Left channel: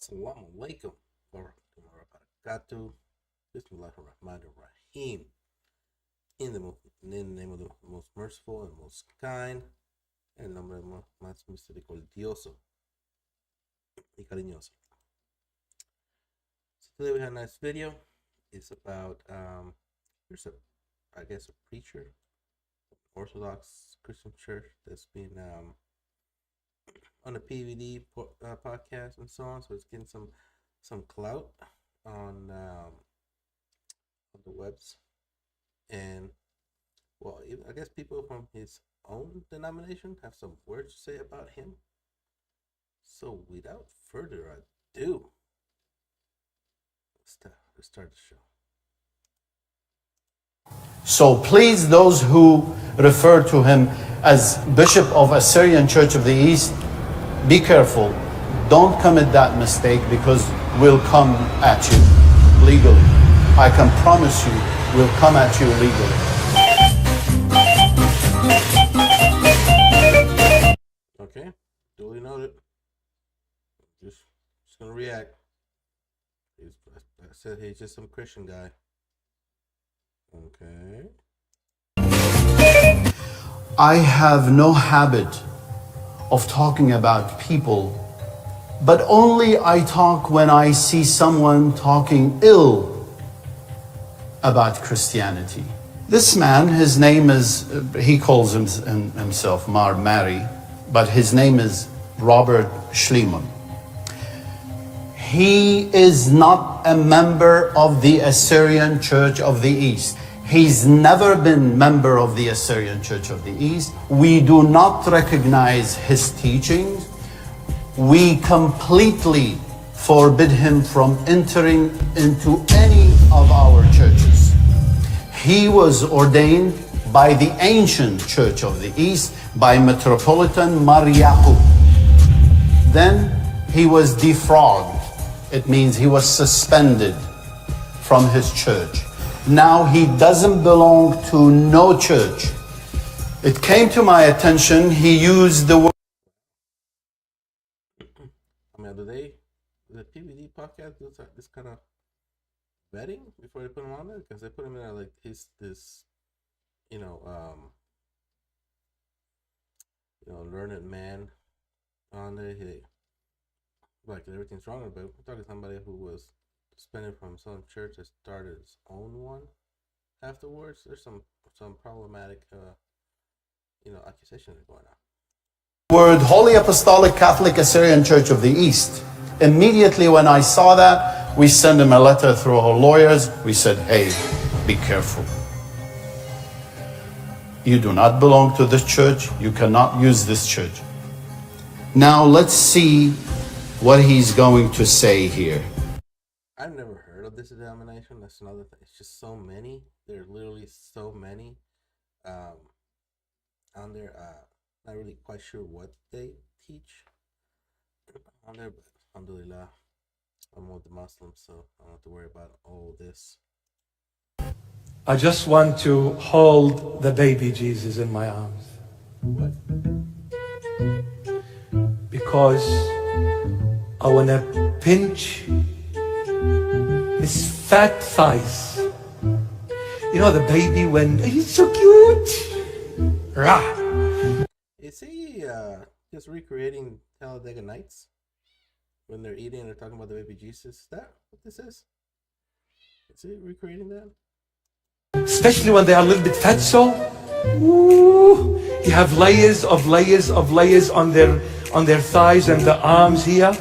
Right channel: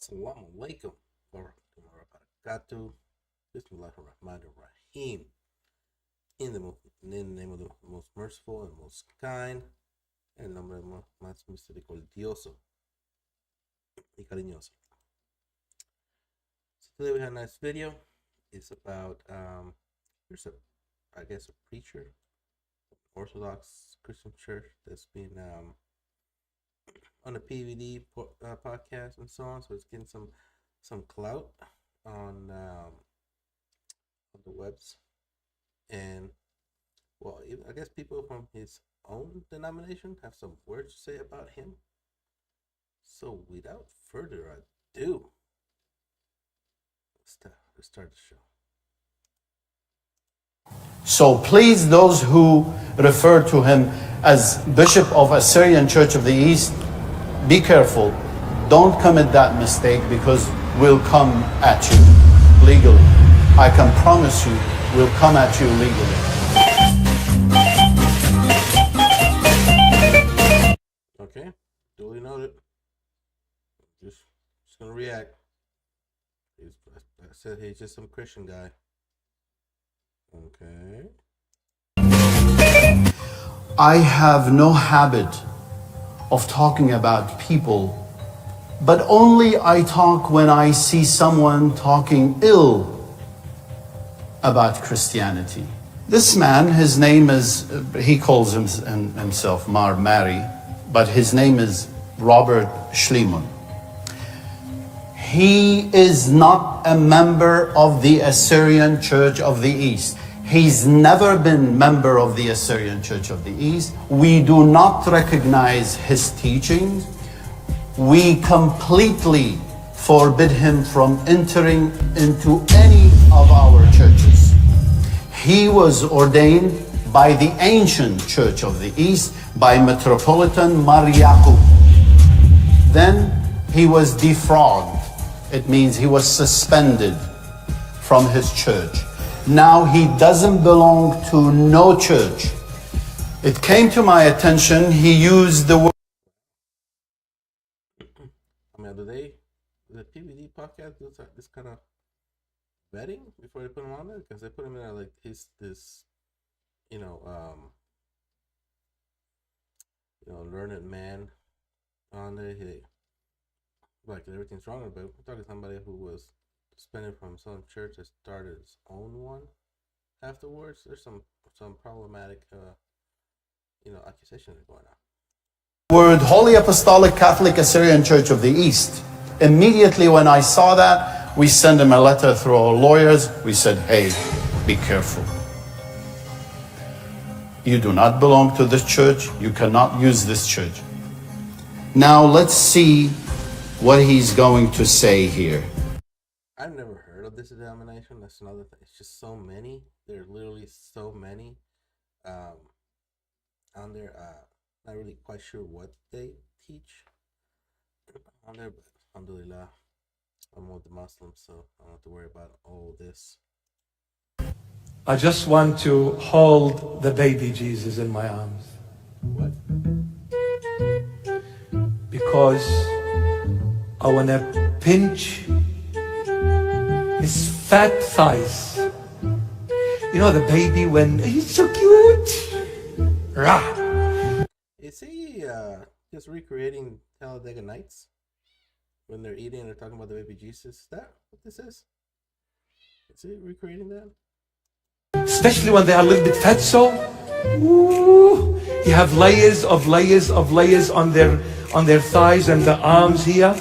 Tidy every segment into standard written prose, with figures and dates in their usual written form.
Assalamu alaikum warahmatullahi wabarakatuh. Bismillahirrahmanirrahim. In the name of the most merciful and most kind, en el nombre más misericordioso y cariñoso. So today we have a nice video. It's about there's a preacher, Orthodox Christian church that's been on a PVD podcast and so on. So it's getting some clout on the webs, and well, I guess people from his own denomination have some words to say about him. So without further ado, let's start the show. So please, those who refer to him as Bishop of Assyrian Church of the East, be careful. Don't commit that mistake, because we'll come at you legally. I can promise you, we'll come at you legally. Okay, duly noted. Just gonna react. I said he's just some Christian guy. Okay. I have no habit of talking about people, but only I talk when I see someone talking ill about Christianity. This man, his name is, he calls himself Mar Mary, but his name is Robert Schliemann. He is not a member of the Assyrian Church of the East. He's never been member of the Assyrian Church of the East. We do not recognize his teachings. We completely forbid him from entering into any of our churches. He was ordained by the ancient Church of the East, by Metropolitan Mar Yaqub. Then he was defrogged. It means he was suspended from his church. Now he doesn't belong to no church. It came to my attention, he used the word. I mean, the PVD podcast do this kind of vetting before they put him on there? Because they put him in there like he's this, learned man on there. Like everything's wrong about it. We're talking somebody who was suspended from some church that started its own one afterwards. There's some problematic accusations going on. Word Holy Apostolic Catholic Assyrian Church of the East. Immediately when I saw that, we sent him a letter through our lawyers. We said, hey, be careful. You do not belong to this church. You cannot use this church. Now let's see what he's going to say here. I've never heard of this denomination. That's another thing. It's just so many. There are literally so many on there. Not really quite sure what they teach on there, but alhamdulillah, I'm with the Muslims, so I don't have to worry about all this. I just want to hold the baby Jesus in my arms. What? Because I want to pinch his fat thighs. You know the baby when he's so cute. Rah. Is he just recreating Talladega Nights when they're eating and they're talking about the baby Jesus? Is that what this is? Is he recreating that? Especially when they are a little bit fat, so ooh, you have layers of layers of layers on their thighs and the arms here.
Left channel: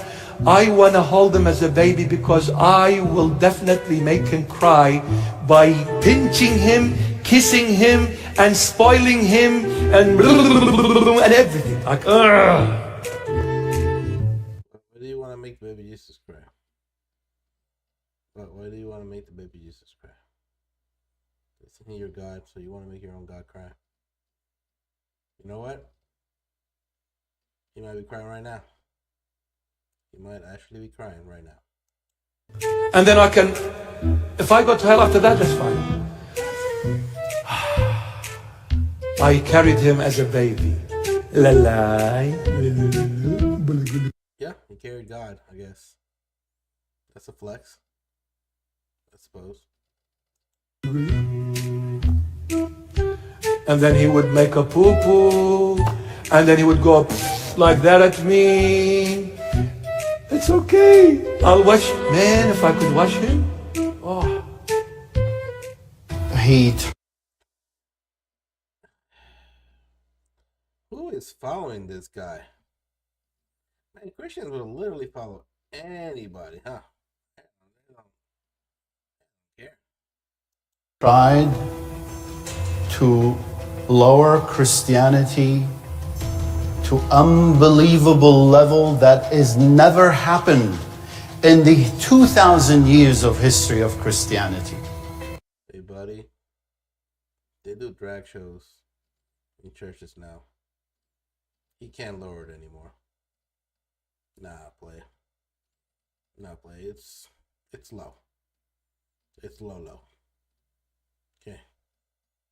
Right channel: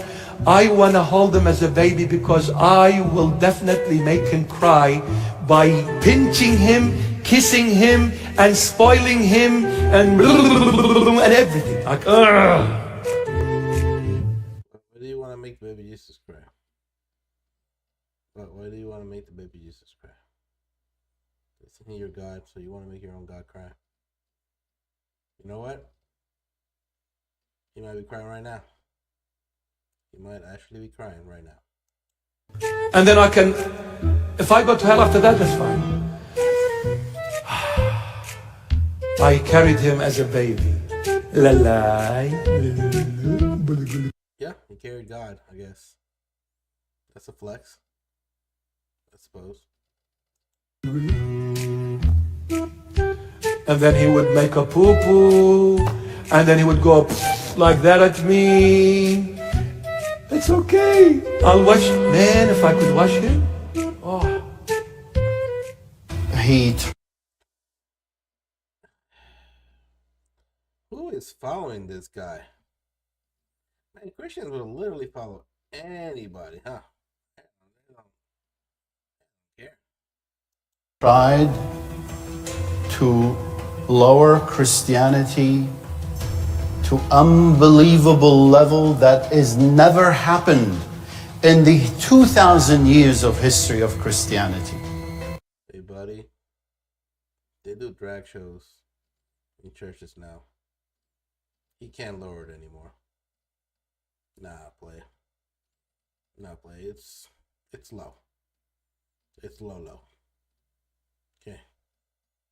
I want to hold him as a baby because I will definitely make him cry by pinching him, kissing him, and spoiling him, and everything. Like, why do you want to make the baby Jesus cry? Why do you want to make the baby Jesus cry? Isn't he your God, so you want to make your own God cry? You know what? He might be crying right now. He might actually be crying right now. And then I can, if I go to hell after that, that's fine. I carried him as a baby. Yeah, he carried God, I guess. That's a flex, I suppose. And then he would make a poo-poo, and then he would go like that at me. It's okay. I'll wash. Man, if I could wash him. Oh. Who is following this guy? Man, Christians will literally follow anybody, huh? They don't care. Tried to lower Christianity to unbelievable level that has never happened in the 2,000 years of history of Christianity. Hey, buddy. They do drag shows in churches now. He can't lower it anymore. Nah, play. It's low. It's low. Okay.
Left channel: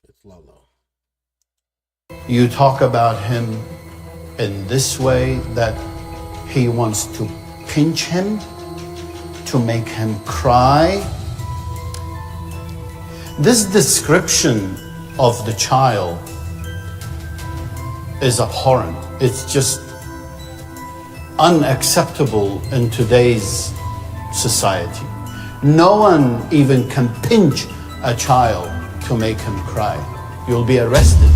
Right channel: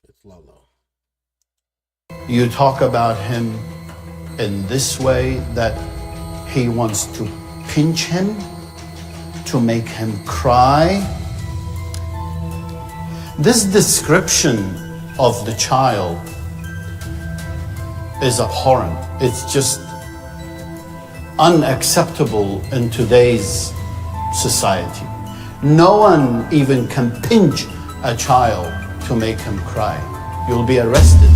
It's low. You talk about him in this way, that he wants to pinch him, to make him cry. This description of the child is abhorrent. It's just unacceptable in today's society. No one even can pinch a child to make him cry. You'll be arrested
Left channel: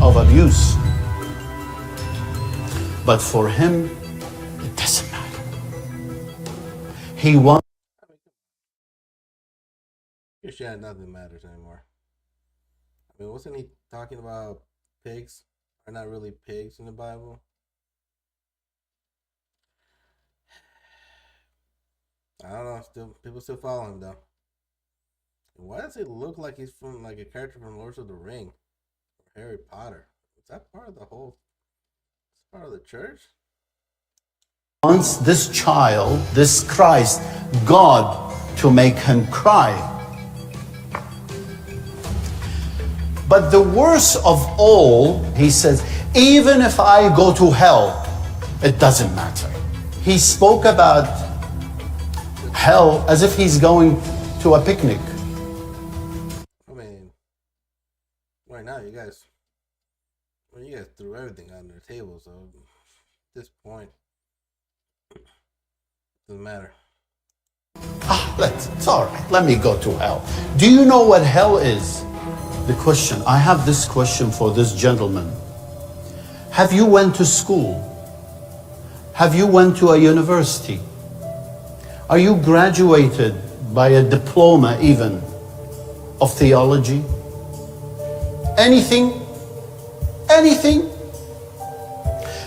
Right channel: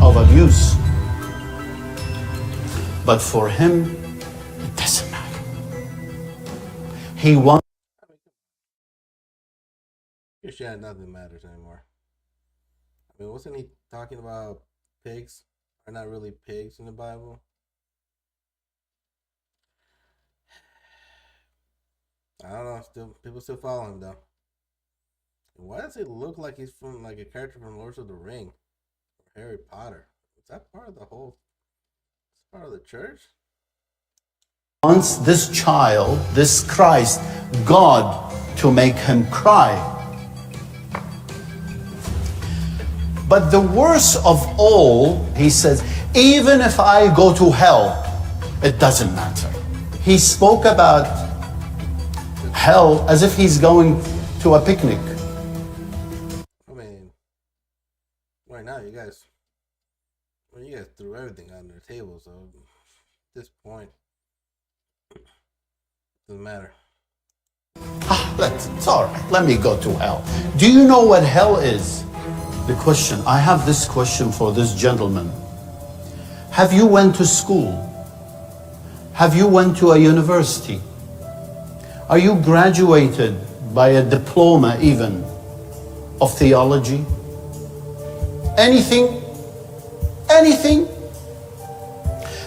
of abuse. But for him, it doesn't matter. He wants. Christianity, nothing matters anymore. I mean, wasn't he talking about pigs are not really pigs in the Bible? I don't know. People still follow him though. And why does it look like he's from like a character from Lord of the Ring or Harry Potter? Is that part of the whole? Is part of the church? Wants this child, this Christ, God, to make him cry. But the worst of all, he says, even if I go to hell, it doesn't matter. He spoke about hell as if he's going to a picnic. I mean, right now you guys threw everything on their table, so at this point, doesn't matter. It's all right. Let me go to hell. Do you know what hell is? The question, I have this question for this gentleman. Have you went to school? Have you went to a university? Are you graduated by a diploma even of theology? Anything? Anything?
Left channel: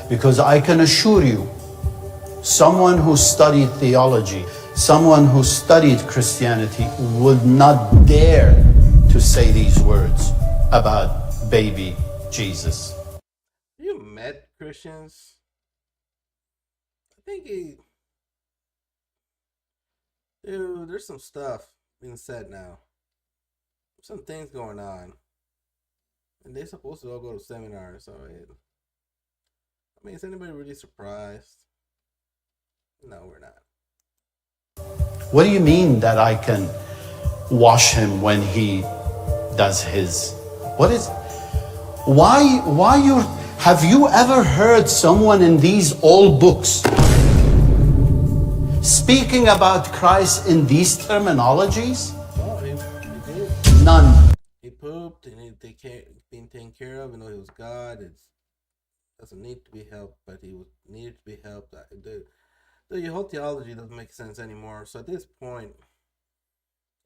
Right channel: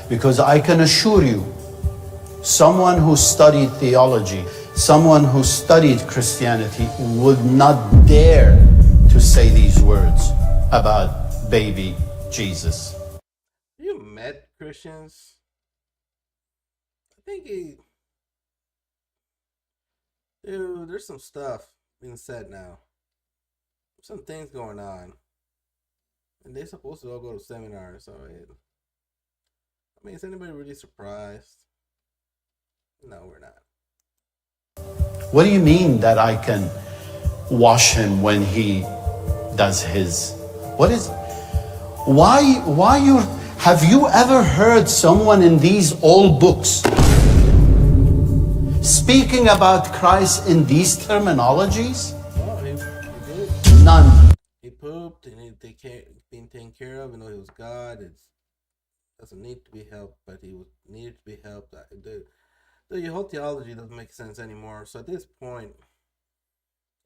Because I can assure you, someone who studied theology, someone who studied Christianity would not dare to say these words about baby Jesus. You met Christians? I think dude, there's some stuff being said now. Some things going on. And they're supposed to all go to seminars, so I mean, is anybody really surprised? No, we're not. What do you mean that I can wash him when he does his? What is? Why you? Have you ever heard someone in these old books speaking about Christ in these terminologies? Oh, he did. None. He pooped and they can't being taken care of, and though he was God, it doesn't need to be helped, but he was needed to be helped. The whole theology doesn't make sense anymore. So at this point,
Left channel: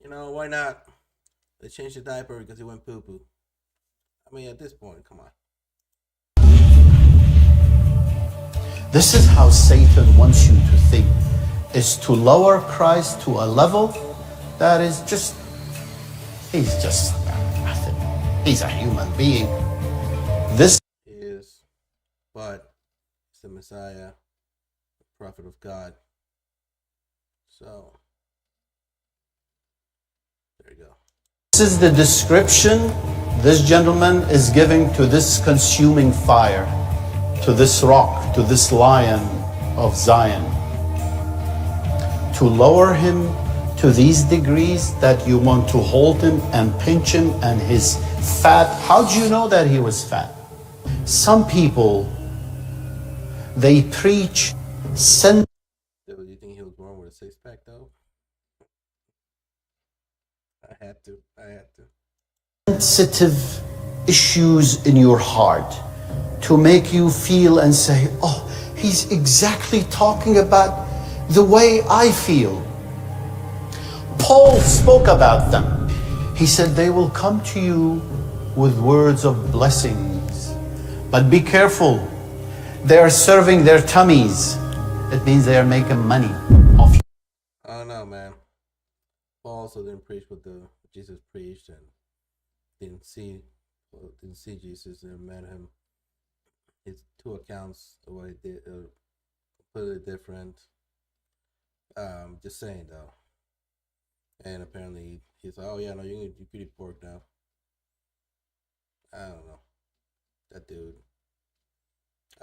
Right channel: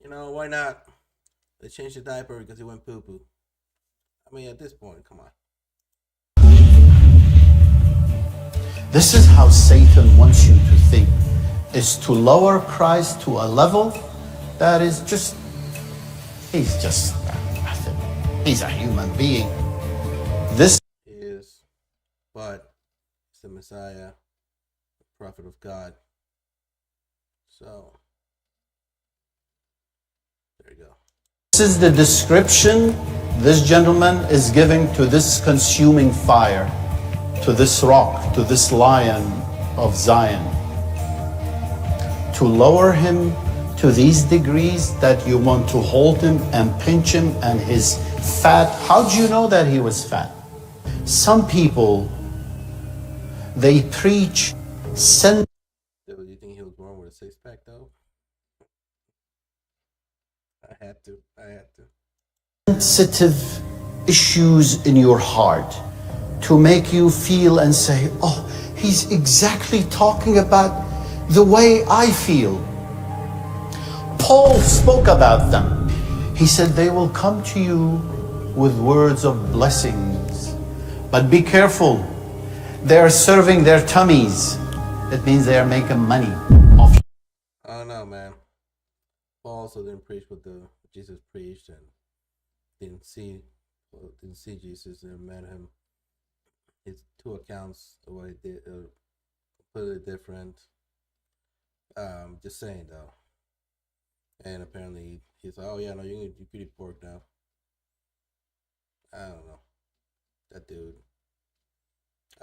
why not? They changed the diaper because he went poo-poo. I mean, at this point, come on. This is how Satan wants you to think, is to lower Christ to a level that is just, he's just nothing. He's a human being. This is, but it's the Messiah, the prophet of God. So, there you go. This is the description this gentleman is giving to this consuming fire, to this rock, to this lion of Zion. to lower him to these degrees that you want to hold him and pinch him and his fat. How do you know that he was fat? Some people, they preach Do you think he was born with a six-pack though? I had to. sensitive issues in your heart to make you feel and say, oh, he's exactly talking about the way I feel. Paul spoke about them. He said they will come to you with words of blessings, but be careful. They are serving their tummies. It means they are making money off you. I don't know, man. Paul also didn't preach what the Jesus preached, and didn't see Jesus and met him. His two accounts, the way they did, completely different. Just saying though. And apparently he's like, oh yeah, no, you can eat pork now. I don't know. That dude,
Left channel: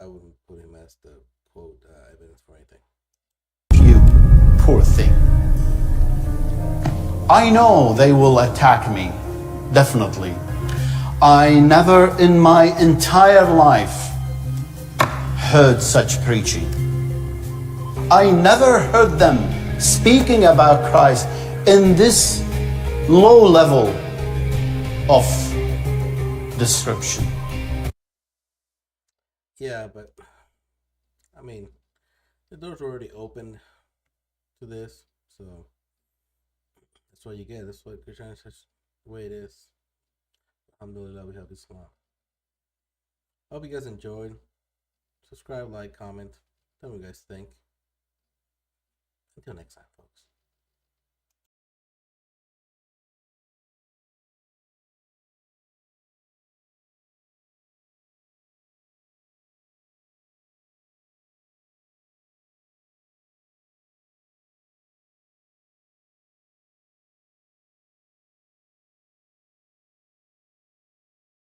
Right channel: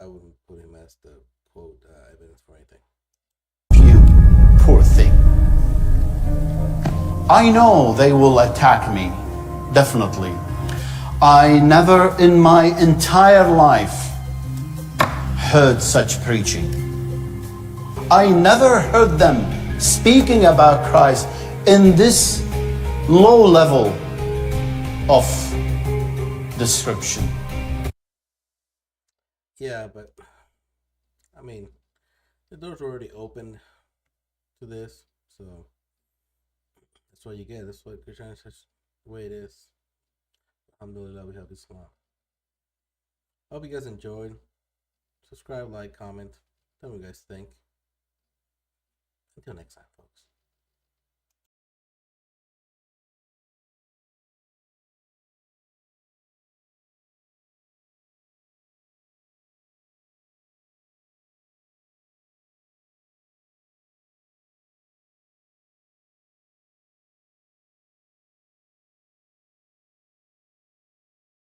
I wouldn't put him as the quote evidence for anything. You poor thing. I know they will attack me, definitely. I never in my entire life heard such preaching. I never heard them speaking about Christ in this low level of description. Yeah, but I mean, the door's already open to this, so that's what you get. That's what Christianity is the way it is. Alhamdulillah, we have Islam. Hope you guys enjoyed. Subscribe, like, comment. Tell me what you guys think. Until next time, folks.